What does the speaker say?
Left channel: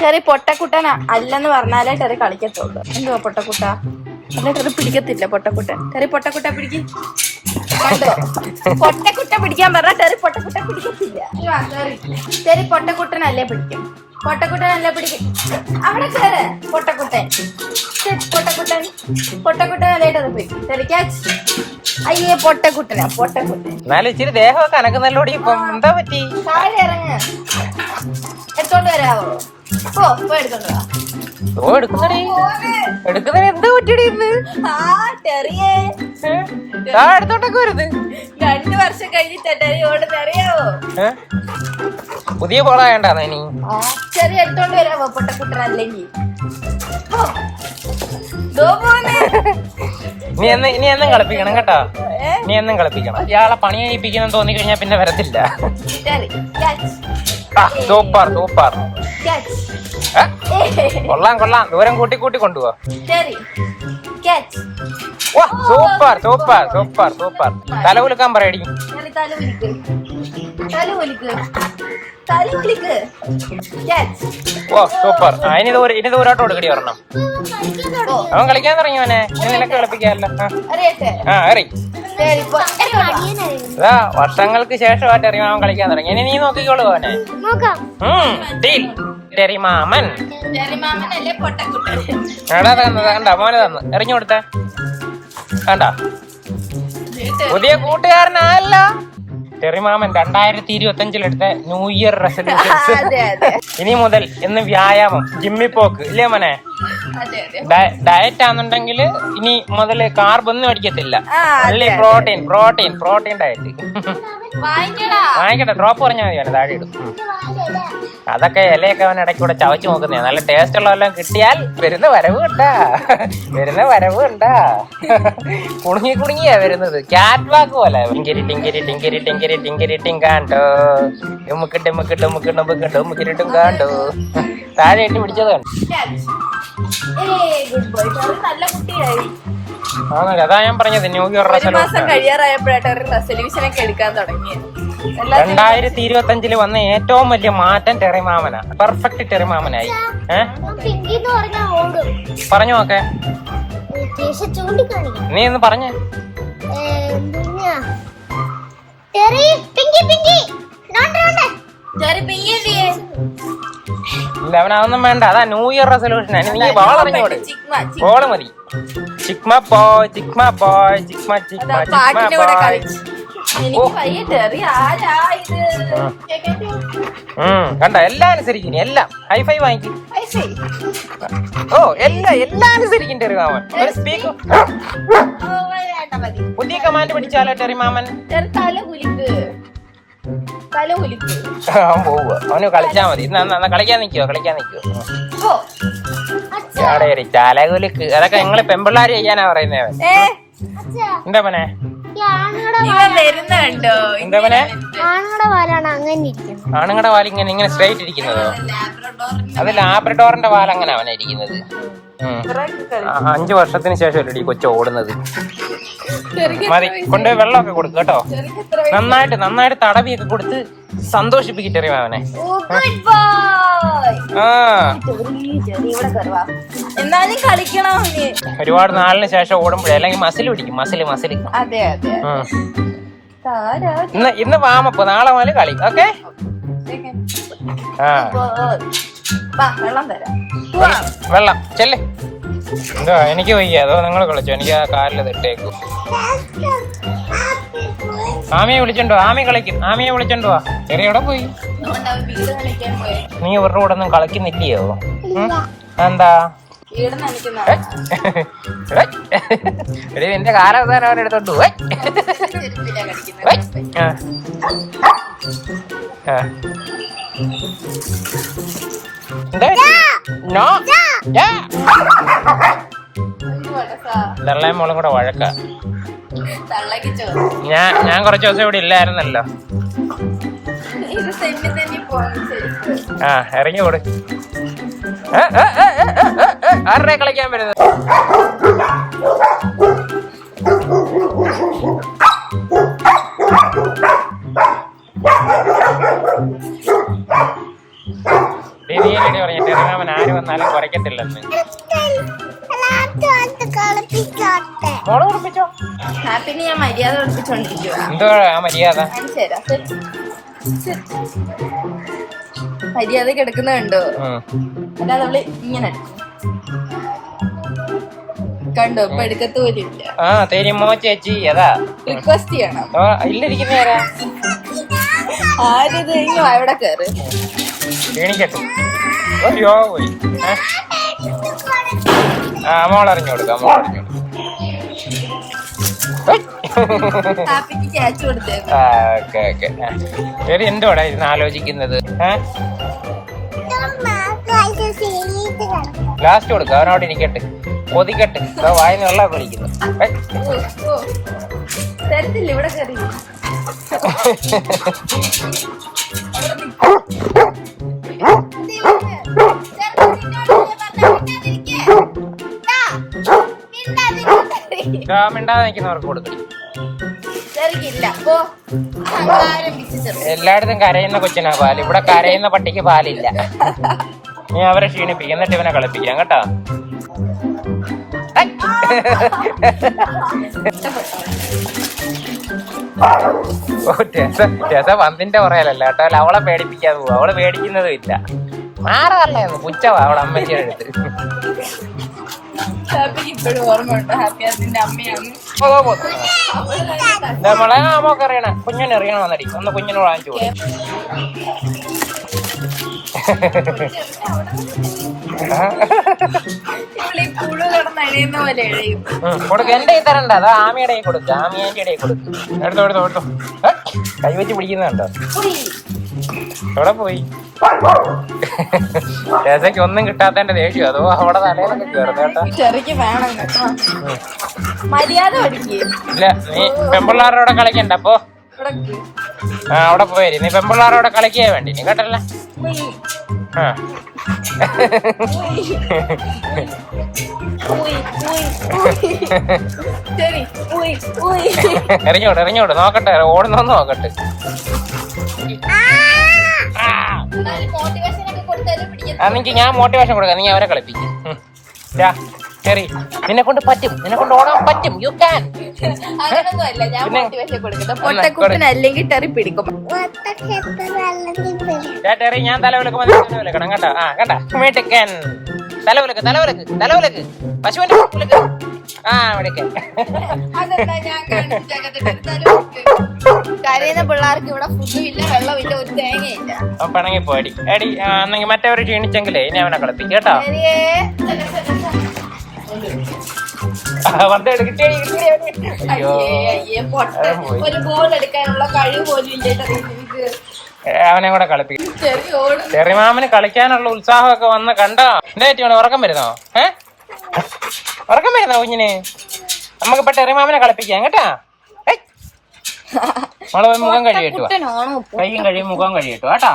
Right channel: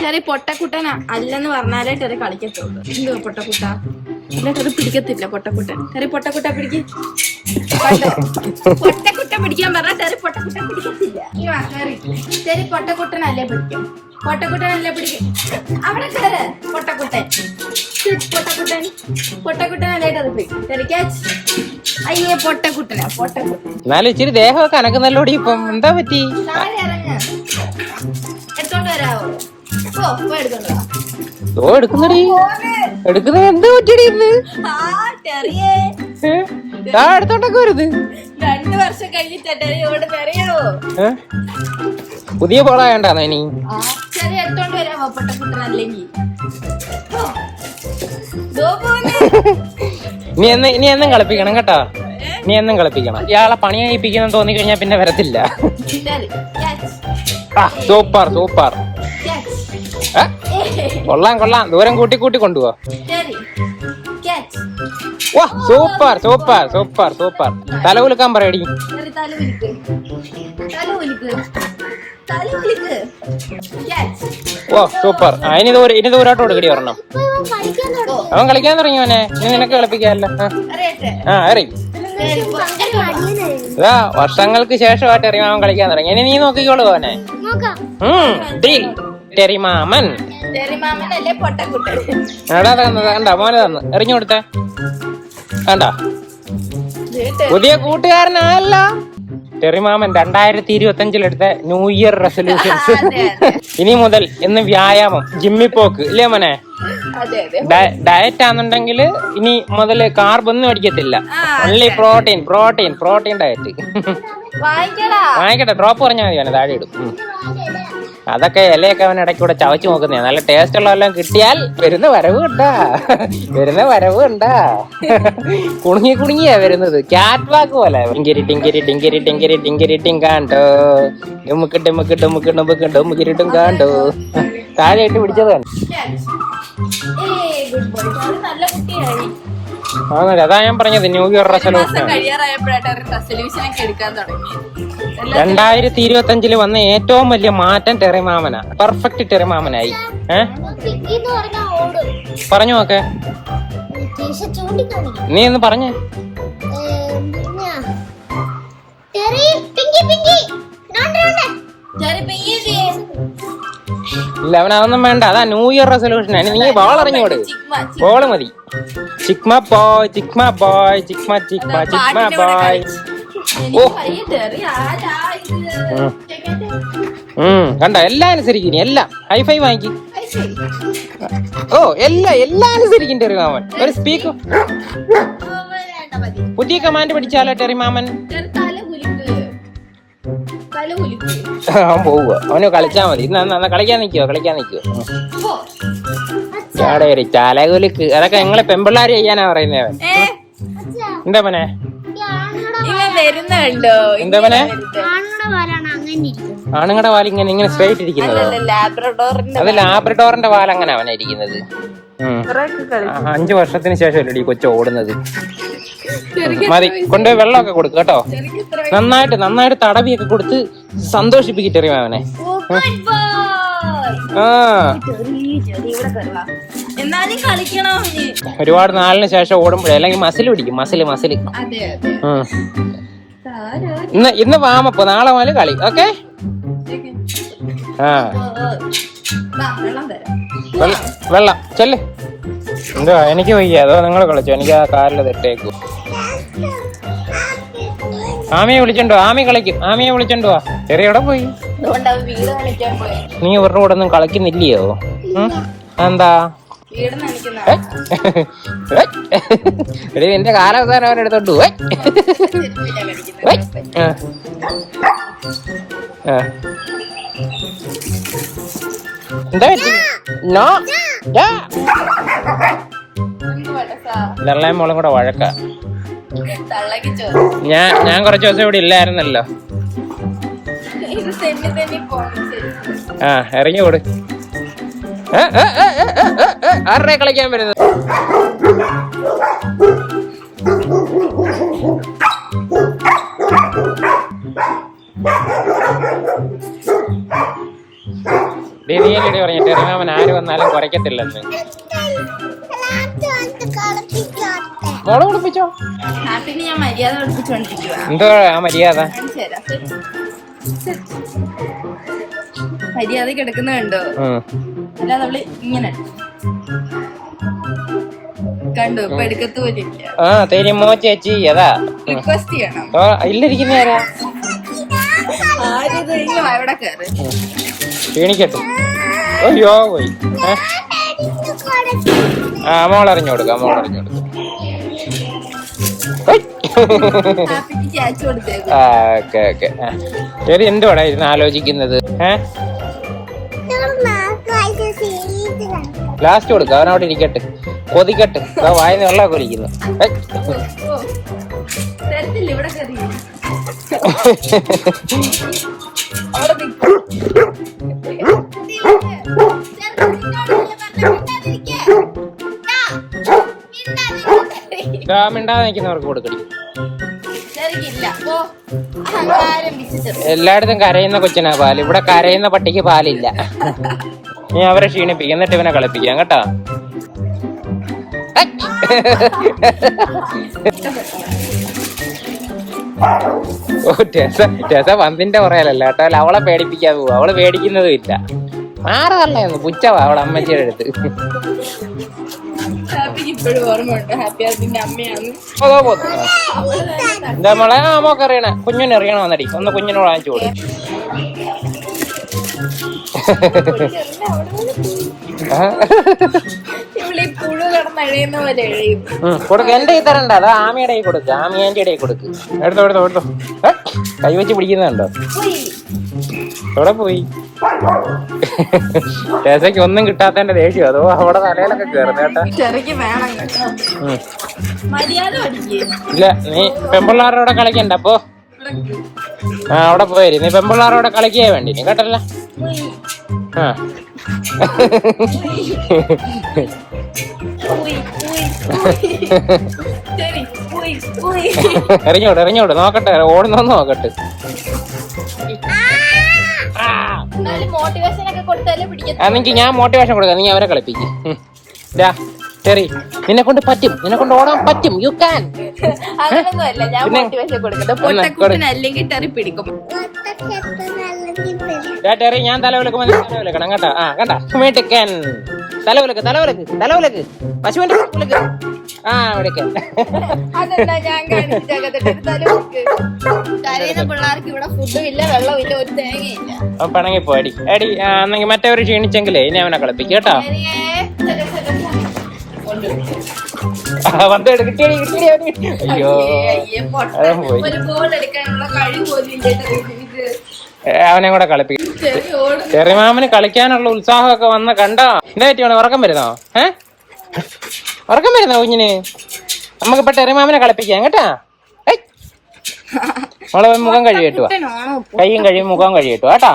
ചെറിയ പൊട്ടക്കുട്ടന. അല്ലെന്ന് പറഞ്ഞാലേ ചെറിയ കളിക്കത്തുള്ളൂ. എന്തോ പൊട്ടക്കുട്ട? അല്ല ടെറി പിടിക്കത്തില്ല പൊട്ടക്കുട്ടൻ. ചെറിയ പൊട്ടക്കുട്ട പിടിക്ക്. കണ്ടോ? പൊട്ടക്കുട്ട പിടിക്കാൻ പറഞ്ഞാൽ ചെറിയ പൊട്ടക്കുട്ട പിടിക്കത്തില്ല. ഈ വാ, കേറി. ടെറി പൊട്ടക്കുട്ടനല്ലേ പിടിക്കും. പൊട്ടക്കുട്ടനല്ലേ പിടിക്കും. അവിടെ ചെറു പൊട്ടക്കുട്ടൻ. പൊട്ടക്കുട്ടൻ. പൊട്ടക്കുട്ടനല്ലേ ടെറി പിടിക്കും ടെറി ക്യാച്ച്. അയ്യേ പൊട്ടക്കുട്ടനാ പൊട്ടക്കുട്ടൻ. എത്തോട്ട് ഇച്ചിരി ദേഹമൊക്കെ അനക്കുന്നല്ലോടി ഇപ്പൊ എന്താ പറ്റി? താഴെ ഇറങ്ങ്. എടുത്തോണ്ട് വരാവോ? രണ്ടു വർഷം കഴിഞ്ഞിട്ടാ? പുതിയ പോള വേണ്ടാന്നോ ഇനി? ചെറിയ എടുത്തോണ്ട് വരാവോ പൊട്ടക്കുട്ടൻ അല്ലെങ്കിൽ നീ എന്ന് നീ എന്നും കളിപ്പിക്കണം കേട്ടോ. നീ എന്നും കളിപ്പിക്കണം. ഇയാളെ പണി കഴിപ്പിക്കണം തോന്നി കഴിഞ്ഞാൽ പിന്നെ വരത്തില്ല. ടെറി ക്യാച്ച് ആ കൊള്ളാം കൊള്ളാം. ദൂരം കൂട്ടി കൂട്ടി കൊണ്ടുപോവാ. വാ സൂപ്പർ സൂപ്പർ സൂപ്പർ സൂപ്പർ. തല കുലുക്കാൻ പറയടി. തല വലിക്ക് തല തല ഓ സൂപ്പർ. ഇനി ദൂരം ഇനി ദൂരോട്ട് തുടങ്ങി അവൻ കളിക്കാൻ തുടങ്ങി അവനെ ഞാൻ നിനക്ക് കളിപ്പിക്കാമല്ലോ ആ. വർഷങ്ങൾക്ക് ശേഷമായിട്ട് അറിയാം അവൻ കളിക്കാൻ തുടങ്ങി. ഇനി നീ നോക്കിക്കോളൂ അവനെ നോക്കാം. ഉം, മാമൻ എറിഞ്ഞു കൊടുത്ത കണ്ട പുതിയ കൂട്ടുകാരനല്ല ടെറിമാമൻ രണ്ടായിരത്തി ഇരുപത്തി അഞ്ചിലെടുത്ത ന്യൂ ഇയർ റെസൊല്യൂഷൻ ഇനി മുതൽ എന്ന് വ്യായാമം. ജിമ്മിപ്പോക്ക് ഇല്ലേ മോനെ? ഡയറ്റ് ആണെന്നുണ്ടെങ്കിൽ ഇനി മുതൽ കാർബ് ഒന്നും അടിക്കത്തില്ല. പ്രോട്ടീൻ പ്രോട്ടീൻ പ്രോട്ടീൻ ഡയറ്റ് വാങ്ങിക്കടാ. വാങ്ങിക്കട്ടെ പ്രോപ്പർ ഞാൻ താഴെ ഇടും. അതൊക്കെ ഇലയൊക്കെ അവൻ ഇടയ്ക്ക് കൂടെ ചവച്ച് നോക്കുന്നേ നല്ല ടേസ്റ്റ് ഉള്ളതെല്ലാം കിട്ടിയാൽ വരുന്ന വരവുണ്ടാ. വരുന്ന വരവുണ്ടാ. കുണുങ്ങി കുണുങ്ങിയാ വരുന്നത്. ക്യാറ്റ് വാക്ക് പോലെ. ടിങ്കിരി ടിങ്കിരി ടിങ്കിരി ടിങ്കിരി ടിങ്കിരി ടിങ്കാണ്ടോ. ഡുമുക്ക് ഡുമുക്ക് ഡുമുക്ക് ഡുമുക്ക് ഡുമുക്കിരി ടിങ്കാണ്ടോ. ഇട്ട് പിടിച്ചതാണ് Catch. ഏയ് ഗുഡ് ബോയ് ടെറി നല്ല കുട്ടിയായി. അതാ ഞാൻ പറഞ്ഞത് ന്യൂ ഇയർ ഒരു മാസം കഴിയാറായപ്പോഴായിട്ട് എടുക്കാൻ തുടങ്ങിയത് എല്ലാത്തിനും രണ്ടായിരത്തി ഇരുപത്തി അഞ്ചിൽ വന്ന ഏറ്റവും വലിയ മാറ്റം ടെറിമാമന പെർഫെക്റ്റ് ടെറിമാമനായി പിങ്കി പറഞ്ഞു നോക്കെ നീ ഒന്ന് പറഞ്ഞു. Terry Pinky Pinky. ടെറി പിങ്ങിയല്ലേ ചിക്മ ചിക്മ. ഓൾ മതി ചിക്മ ബോയ് ചിക്മ ബോയ് ചിക്മ ചിക്മ പാട്ടിന്റെ കൂടെ കളിച്ച്. കണ്ട? എല്ലാം അനുസരിക്കുന്നു. എല്ലാം. ഹൈഫൈ ഫൈ വാങ്ങി ഓ എല്ലാം എല്ലാം അനുസരിക്കുന്നുണ്ട് ഒരു സ്പീക്കർ പുതിയ കമാൻഡ് പിടിച്ചാലോ ടെറിമാമൻ ടെറി തല കുലിക്ക്. തല കുലിക്ക്. പോവുക. അവന് കളിച്ചാ മതി. ഇന്ന് കളിക്കാൻ നിൽക്കോ കളിക്കാൻ നിൽക്കോ ഓ അച്ഛാ. അവിടെ ഒരു ചാലകുലുക്ക് അതൊക്കെ ഞങ്ങളെ പെമ്പിള്ളാര് ചെയ്യാനാ പറയുന്നത് എന്താ മോനെ? വരുന്നുണ്ടോ? ആണുങ്ങളുടെ വാലാണ് അങ്ങനെ ഇരിക്കുന്നത്. ആണുങ്ങളുടെ വാൽ ഇങ്ങനെ ഇങ്ങനെ സ്ട്രേറ്റ് ഇരിക്കുന്നത്. അല്ലല്ല ലാബ്രഡോറിന്റെ അത് ലാബ്രഡോറിന്റെ വാൽ അങ്ങനെയാണ് ഇരിക്കുന്നത്. ഉം. ആ, അഞ്ചു വർഷത്തിന് ശേഷമല്ലേ ഈ കൊച്ചു ഓടുന്നത്? മതി കൊണ്ട് വെള്ളമൊക്കെ കൊടുക്കും കേട്ടോ. നന്നായിട്ട് നന്നായിട്ട് തടവിയൊക്കെ കൊടുത്ത് സന്തോഷിപ്പിക്കട്ടെ അവനെ ഓ ഗുഡ് ബോയ് ആ. എന്നാലും കളിക്കണം നീ? ഒരുപാട് നാളിന് ശേഷം ഓടുമ്പോഴേ അല്ലെങ്കിൽ മസിൽ പിടിക്കും മസിൽ മസിൽ. അതെ അതെ. ഇന്ന് ഇന്ന് വാമപ്പ നാളെ മുതൽ കളി. ഓക്കെ? വെള്ളം ചെല്ല്. എന്തോ എനിക്ക് വയ്യ. അതോ നിങ്ങൾ കളിച്ചോ? എനിക്ക് ആ കാറിൽ തെട്ടേക്ക് ആമിയെ വിളിച്ചോണ്ടോ ആമി കളിക്കും. ആമിയെ വിളിച്ചോണ്ടോ ചെറിയ എവിടെ പോയി. നീ ഇവരുടെ കൂടെ ഒന്നും കളിക്കുന്നില്ലയോ? എന്താ വീട് നനയ്ക്കുന്നതാണ് എടീ, എന്റെ കാലൊക്കെ ചെരുപ്പില്ല വെള്ളയും മോളും കൂടെ വഴക്ക ഞാൻ ഞാൻ കുറച്ച് ദിവസം ഇവിടെ ഇല്ലായിരുന്നല്ലോ. ആ ഇറങ്ങി ഓട്. കളിക്കാൻ വരുന്നത് ഡി, നീ ആരെയാ പറയുന്നത്? ചെറിയമാമൻ ആര് വന്നാലും കുളിപ്പിച്ചോ ഹാപ്പിന് ഞാൻ മര്യാദ പഠിപ്പിച്ചോണ്ടിരിക്കുക ആ മര്യാദ. മര്യാദ കിടക്കുന്ന കണ്ടോ? അല്ലാതെ അവൾ ഇങ്ങനെ. കണ്ടോ? ഇപ്പൊ എടുക്കത്ത് പോലും ഇല്ല ആ ചേച്ചി റിക്വസ്റ്റ് ചെയ്യണം. ആ? ആരിത്? ഇങ്ങോ എവിടെ കേറ്? ക്ഷീണിക്കട്ടെ അയ്യോ പോയി. ആ, ആ മോളറിഞ്ഞു കൊടുക്കാം മോളറിഞ്ഞു ഹാപ്പിക്ക് ക്യാച്ച് കൊടുത്തേക്കും. ആ ഓക്കെ ഓക്കെ. ശരി എന്തുവാടാ ഇരുന്ന് ആലോചിക്കുന്നത്? ഏഹ് ലാസ്റ്റ് കൊടുക്കും അവനവിടെ ഇരിക്കട്ടെ കൊതിക്കട്ടെ ആ വായന വെള്ളം കുടിക്കുന്നു. തരത്തില്ല ഇവിടെ. മിണ്ടാതെ നിൽക്കുന്നവർക്ക് കൊടുക്കണം ചെറുക്കില്ല പോ അഹങ്കാരം വിശ്വസിച്ചു എല്ലായിടത്തും കരയുന്ന കൊച്ചിനാ പാൽ. ഇവിടെ കരയുന്ന പട്ടിക്ക് പാലില്ല. നീ അവരെ ക്ഷീണിപ്പിക്കും. എന്നിട്ട് ഇവനെ കളിപ്പിക്കാം കേട്ടോ? ഓ, ടെസ ടെസ പന്തിന്റെ പുറകെയല്ല കേട്ടോ. അവളെ പേടിപ്പിക്കാൻ പോവാ. അവൾ പേടിക്കുന്നതും ഇല്ല. ആറ് പറഞ്ഞു പുച്ഛവാ അവളെ അമ്മയുടെ അടുത്ത് ഹാപ്പിക്ക് ഇപ്പോഴും ഓർമ്മയുണ്ട് ഹാപ്പി അതിന്റെ അമ്മയാണ്. ഓ, ഓ. അവൾ തന്നെ എന്താ മോളെ ആ, മോക്ക് അറിയണേ കുഞ്ഞിനെ അറിയണോ എന്നടി ഒന്ന് കുഞ്ഞിനെ വാങ്ങിച്ചു കൊടുക്കും. ഇവളീ പുഴു കിടന്ന് എഴയുന്ന പോലെ എഴയും ആമയുടെ കൊടുക്ക. ആമയുടെ ഇടയിൽ കൊടുക്ക്. എവിടെ എവിടെ ഓട്ടും കൈ വെച്ച് പിടിക്കുന്നുണ്ടോ. എവിടെ പോയി? ഏസയ്ക്ക് ഒന്നും കിട്ടാത്തതിന്റെ ദേഷ്യം. അതോ അവിടെ തലയിലൊക്കെ കയറുന്ന കേട്ടാ ചെറുക്ക് വേണം കേട്ടോ. മര്യാദ പഠിക്കേ. ഇല്ല നീ പെമ്പിള്ളാരോടെ കളിക്കണ്ട. പോ. ഇവിടെ ആ അവിടെ പോയി. നീ പെമ്പിള്ളാരോടെ കളിക്കേ വേണ്ടി. നീ കേട്ടല്ല ഇറങ്ങിയോട്ട് ഇറങ്ങിയോട്ട് നോക്കട്ടെ ഓടുന്നോന്ന് നോക്കട്ടെ. ആ ഞാൻ മോട്ടിവേഷൻ കൊടുക്കാം. നീ അവരെ കളിപ്പിക്കും. ശരി നിന്നെ കൊണ്ട് പറ്റും. നിന്നെ കൊണ്ട് ഓടാൻ പറ്റും. യു ക്യാൻ പൊട്ടക്കുട്ടൻ അല്ലെങ്കിൽ ടെറി പിടിക്കും. ചേട്ടറി ഞാൻ തല വിളക്കുമ്പോൾ തല വിളക്കണം കേട്ടോ ആ കേട്ടോ മിടുക്കൻ തല വിളക്ക് തല വിളക്ക് തല വിളക്ക് പശുവിന്റെ. ആ വിളിക്കൻ കരയുന്ന പിള്ളേർക്ക് ഇവിടെ ഫുഡും ഇല്ല വെള്ളം ഇല്ല ഒരു തേങ്ങയില്ല. പണങ്ങി പോയി. ആ, എന്നെങ്കിൽ മറ്റവര് ക്ഷീണിച്ചെങ്കിലേ ഇനി അവനെ കളിപ്പിക്കും കേട്ടോ. അയ്യേ അയ്യേ പൊട്ട ഒരു ബോൾ എടുക്കാനുള്ള കഴിവ് പോലും ഇല്ല കൂടെ കളിപ്പിക്കും. ചെറിയ കളിക്കാനുള്ള ഉത്സാഹമൊക്കെ വന്ന കണ്ടാ. എന്തായിട്ട് വേണം ഉറക്കം വരുന്നോ? ഏ? ഉറക്കം വരുന്നോ കുഞ്ഞിന്? നമുക്ക് ഇപ്പൊ ടെറിമാമിനെ കളിപ്പിക്കാം കേട്ടാ? ഏയ്. മോളെ മുഖം കഴിയട്ടോ കയ്യും കൈയും കഴിയും മുഖം കഴിയട്ടോ കേട്ടാ?